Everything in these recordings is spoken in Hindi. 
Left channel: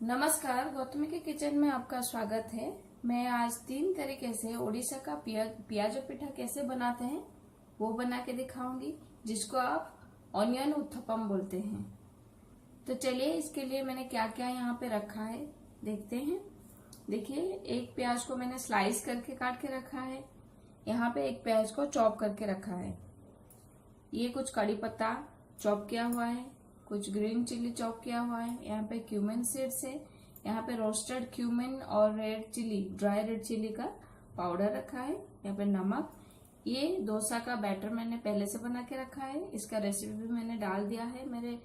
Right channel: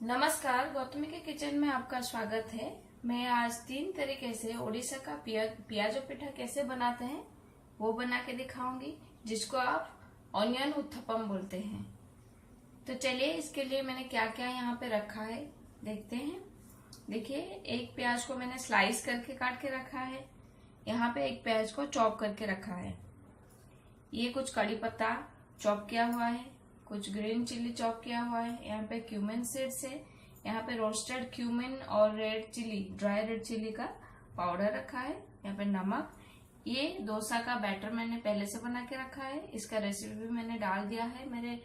नमस्कार, गौतमी के किचन में आपका स्वागत है। मैं आज 3 तरीके से ओडिशा का पियाजो पिठा कैसे बनाते हैं वो बना के दिखाऊंगी, जिसको आप ऑनियन उत्थपम बोलते हैं। तो चलिए, इसके लिए मैंने क्या क्या यहाँ पे रखा है देखते हैं। देखिए, एक प्याज को मैंने स्लाइस करके काट के रखा है। यहाँ पे एक प्याज को चॉप करके रखा है। ये कुछ कड़ी पत्ता चॉप किया हुआ है, कुछ ग्रीन चिली चॉप किया हुआ है। यहाँ पे क्यूमिन सीड्स है। यहाँ पे रोस्टेड क्यूमिन और red chilli, dry red chilli का पाउडर रखा है। यहाँ पे नमक। ये डोसा का बैटर मैंने पहले से बना के रखा है। इसका रेसिपी भी मैंने डाल दिया है मेरे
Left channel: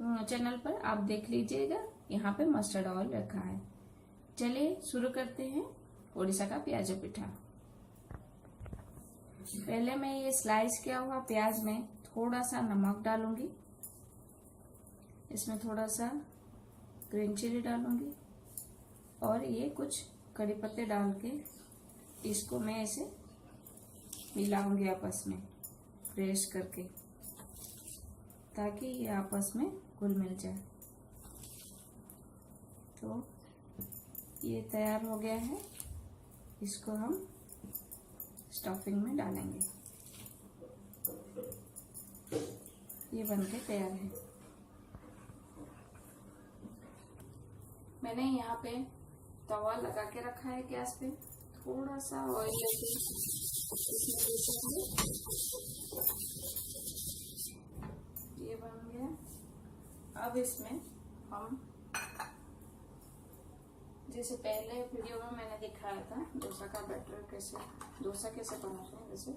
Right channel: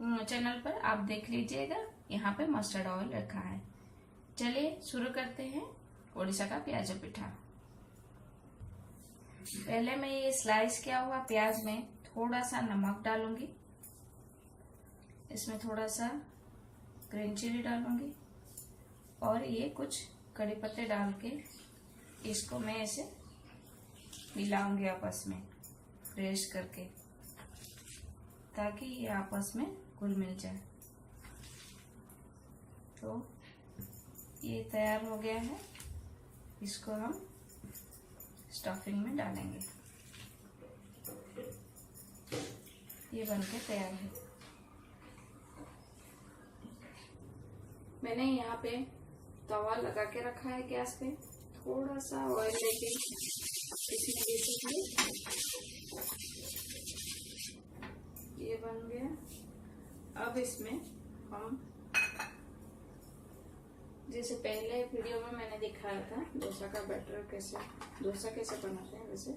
चैनल पर, आप देख लीजिएगा। यहाँ पे मस्टर्ड ऑयल रखा है। चलिए शुरू करते हैं ओडिशा का पियाजो पिठा। पहले मैं ये स्लाइस किया हुआ प्याज में थोड़ा सा नमक डालूंगी। इसमें थोड़ा सा ग्रीन चिली डालूंगी और ये कुछ कड़ी पत्ते डाल के इसको मैं ऐसे मिलाऊंगी आपस में, प्रेस करके, ताकि ये आपस में घुल मिल जाए। तो ये तैयार हो गया है। इसको हम स्टफिंग में डालेंगे। ये बनके तैयार है। मैंने यहाँ पे तवा लगा के रखा है गैस पे। थोड़ा सा ऑयल लेके ये बन गया। अब इसमें हम, जैसे पहले वीडियो में मैंने दिखाया था डोसा का बैटर डोसा कैसे बनाते हैं, वैसे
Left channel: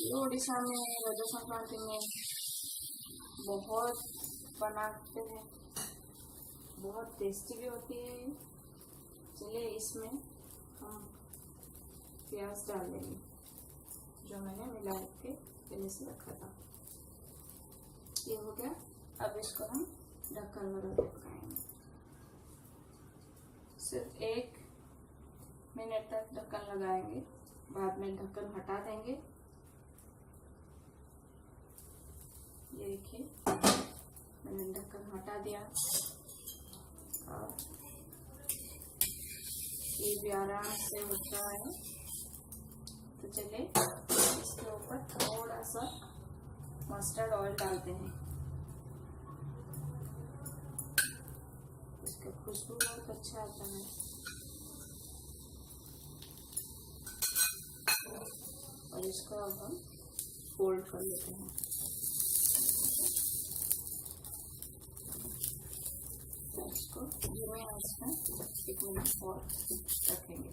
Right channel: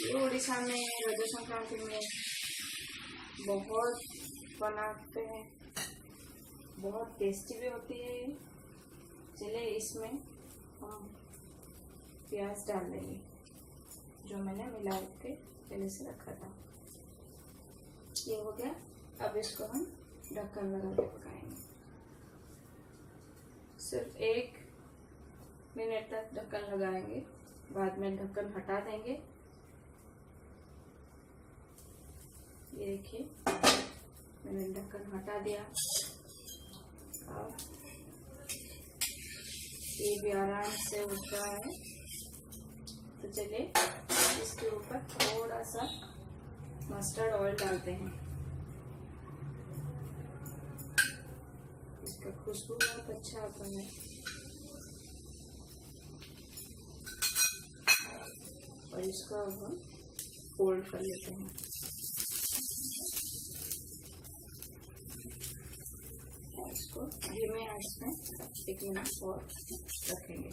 ये उड़ीसा में रज संक्रांति में बहुत बनाते हैं, बहुत टेस्टी भी होती है। चलिए, इसमें हम प्याज डाल देंगे जो मैंने मिला के पहले से रखा था। ये हो गया। अब इसको हम ढक्कन लगा के पकाएंगे। सिर्फ 1 मिनट तक ढक्कन लगाएंगे, बाद में ढक्कन हटा देंगे। ये देखिए, मैंने ढक्कन हटा दिया और ये भी आराम से उठ रहा है। तो चलिए, इसके ऊपर थोड़ा सा मस्टर्ड ऑयल डालते हैं। इसका खुशबू बहुत अच्छा आता है। और इसको अब हम फोल्ड कर लेते हैं। इसको धीमे आंच में 1 मिनट और रखेंगे।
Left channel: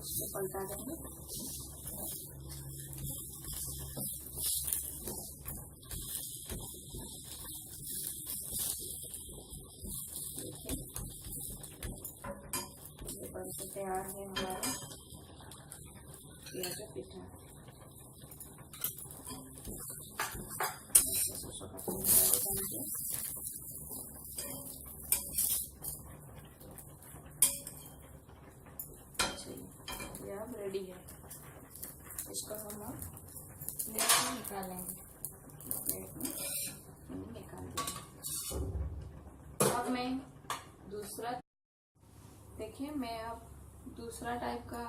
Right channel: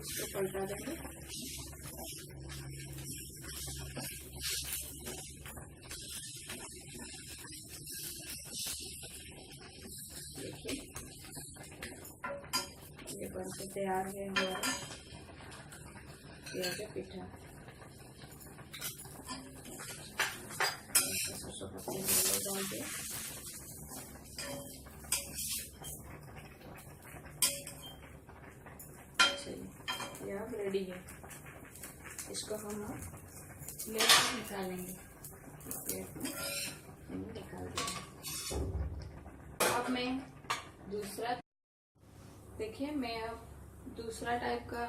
इसको पलटा देंगे। बनके तैयार है हमारा पियाजो पिठा। ये अब रेडी है। इसको हम प्लेट में निकालेंगे। प्लेट में निकाल देंगे। अब मैं दूसरा, देखिए, मैं अब दूसरा टाइप का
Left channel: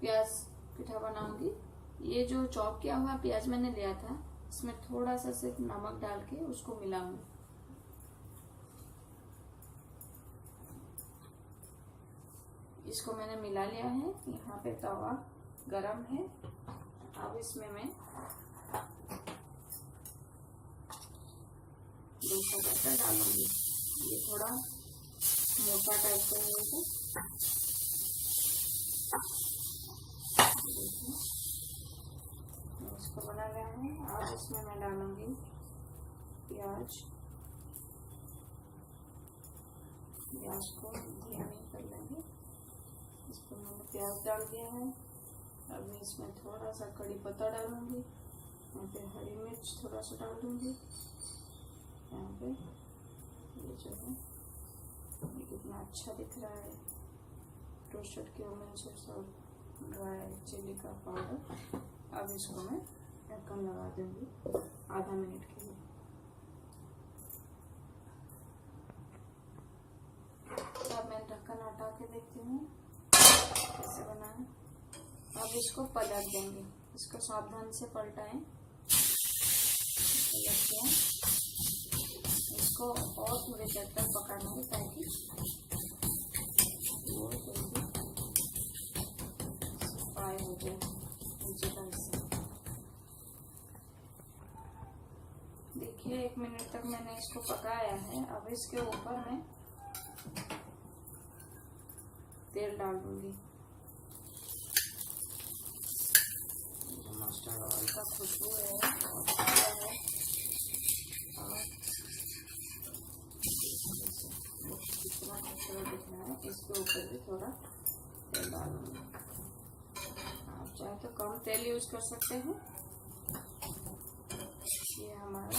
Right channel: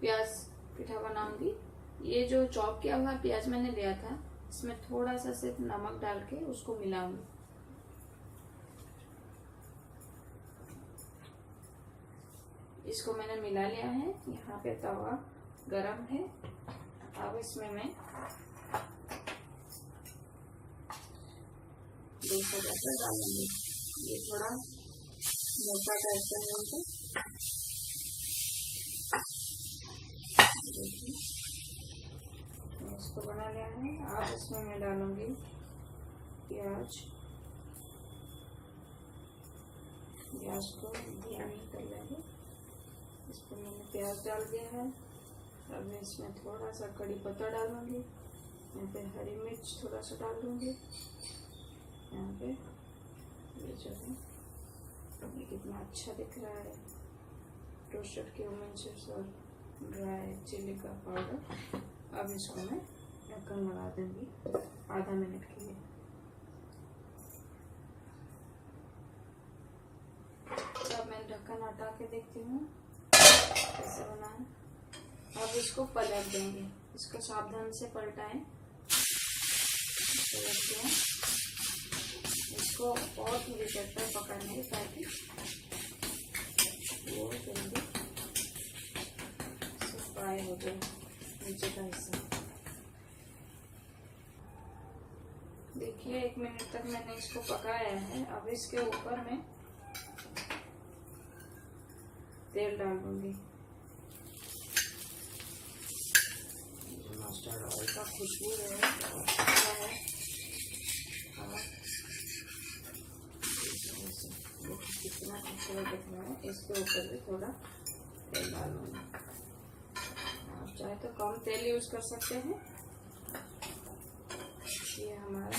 प्याज पिठा बनाऊंगी। ये जो चॉप किया हुआ प्याज मैंने लिया था, इसमें थोड़ा सा सिर्फ नमक डाल के उसको मिलाऊंगी। इसको मैंने मिला लिया है। यहाँ पे तवा गरम है। अब इसमें मैं डोसा बैटर डालूंगी। ये थोड़ा मोटा टाइप का है। इसको बना लिया है। अब इसमें मैं डालूंगी प्याज। प्याज को धीमी कर लेंगे। इसको मैंने प्याज डाल दिया है। अब मैं इसमें थोड़ा सा कड़ी पत्ता डालूंगी, यहाँ पे हरी मिर्च थोड़ा सा डाल दूंगी। यहाँ पे ये जो है ये कितना अच्छा दिख रहा है, रोस्टेड क्यूमिन और ड्राई चिली का पाउडर। अब इसको मैं ढक्कन लगा दूंगी आधा मिनट के लिए। अब मैं ढक्कन हटा के देखती हूँ कैसे बना है। अब इसको पलट देंगे, इसको सावधान से पलटाएं, पलटते हैं इसको और थोड़ी देर तक पकाने के ताकि वो जल्दी फ्राई हो जाए नीचे का हिस्सा। देखिए 1 मिनट तक मैंने इसको पकाया है। अब इसके ऊपर मैं तेल डाल दूंगी। जो मस्टर्ड ऑयल का खुशबू है कितना खूबसूरत दिख रहा है। इसके ऊपर भी थोड़ा तेल डालूंगी। आप चाहे तो कम तेल यूज कर सकते हैं। ये हमारा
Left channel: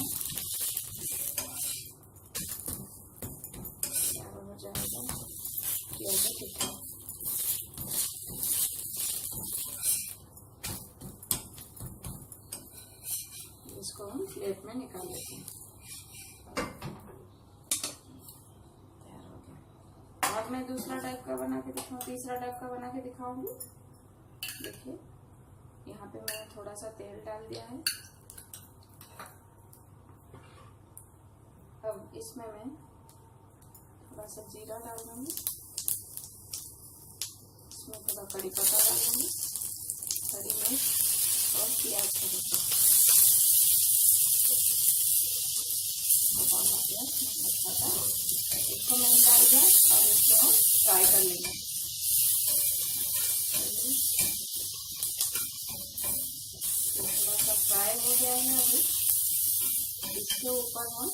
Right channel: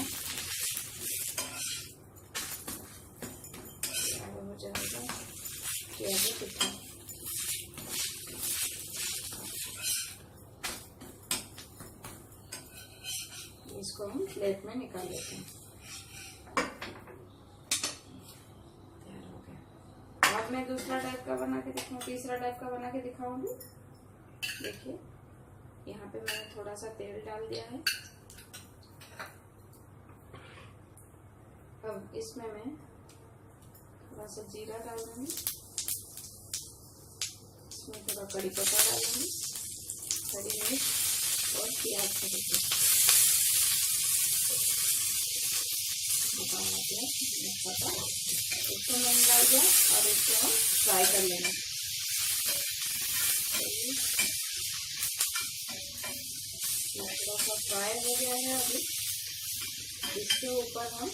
हो जाएगा प्याज पिठा। इसको हम प्लेट में निकाल लेते हैं। तैयार हो गया। अब मैं दूसरा टाइप का बना के दिखाऊंगी, तीसरा टाइप का बना के दिखाऊंगी। देखिए यहाँ पे मैंने थोड़ा सा तेल डाल दिया है। अब इसमें मैं थोड़ा सा जीरा डाल दूंगी, इसमें थोड़ा कड़ी पत्ता डाल दूंगी, हरी मिर्च और प्याज का पत्ता, इसको मैंने डाल दिया। और इसको हम फ्राई कर लेंगे। थोड़ा सा फ्राई हो गया है। अभी इसके ऊपर हम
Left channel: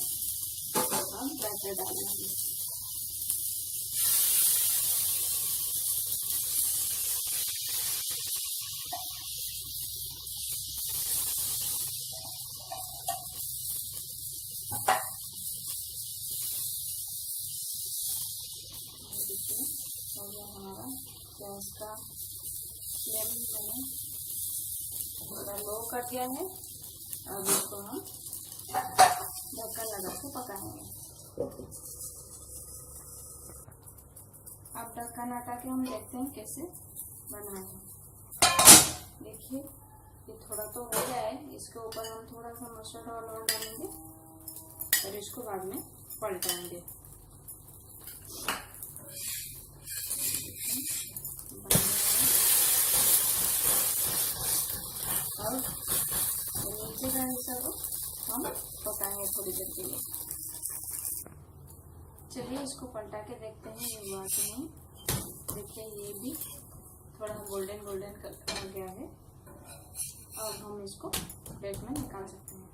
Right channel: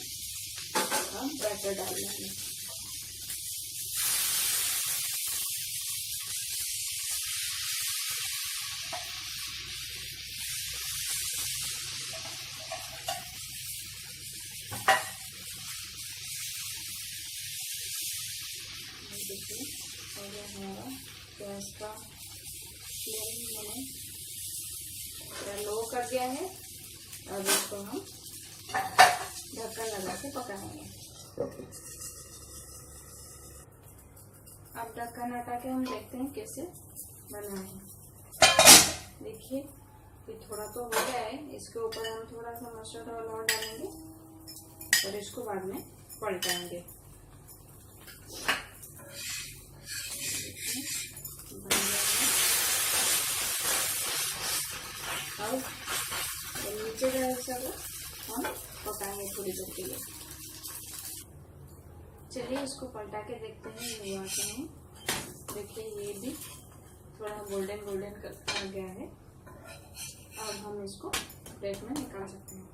बैटर डाल देंगे। देखिए और ये हमारा गैस का फ्लेम मैंने थोड़ा लो कर दिया है। अब इसको हम ढक्कन लगा के पकाएंगे। अब ढक्कन हटा के हम देखते हैं कैसे बना है। देखिए ये थोड़ा तो हो गया है। इसके ऊपर हम थोड़ा सा मस्टर्ड ऑयल और डालेंगे और इसको बाद में पलटाएंगे। अब नीचे का हिस्सा को हम पकाएंगे थोड़ी देर के लिए। चलिए इसको पलटा के देखते हैं ये हुआ कि नहीं। देखिए ये भी थोड़ा गोल्डन गोल्डन आ गया है। अब हम इसको प्लेट में निकाल सकते हैं।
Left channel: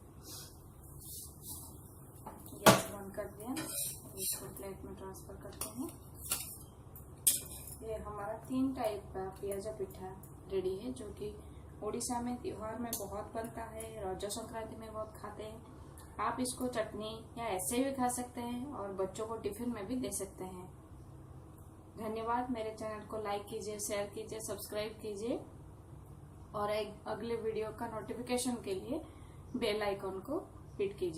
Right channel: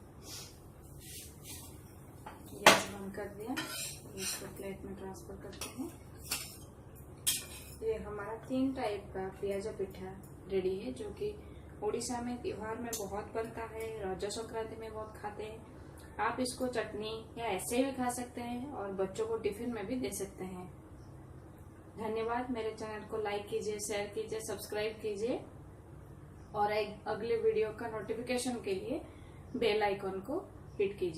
गैस बंद कर दिया। इसको प्लेट में ट्रांसफर करते हैं। ये हमारा 3 टाइप का पियाजा पिठा रेडी है, जो कि उड़ीसा में त्योहार में बहुत बनता है, रज संक्रांति में बहुत खाते हैं। आप इसको चटनी या ऐसे भी खा सकते हैं और बच्चों को टिफिन में भी दे सकते हैं। धन्यवाद। मेरे चैनल को लाइक कीजिए, शेयर कीजिए, सब्सक्राइब कीजिए और एक अगले वीडियो का नोटिफिकेशन के लिए बेल आइकॉन को हिट कीजिए।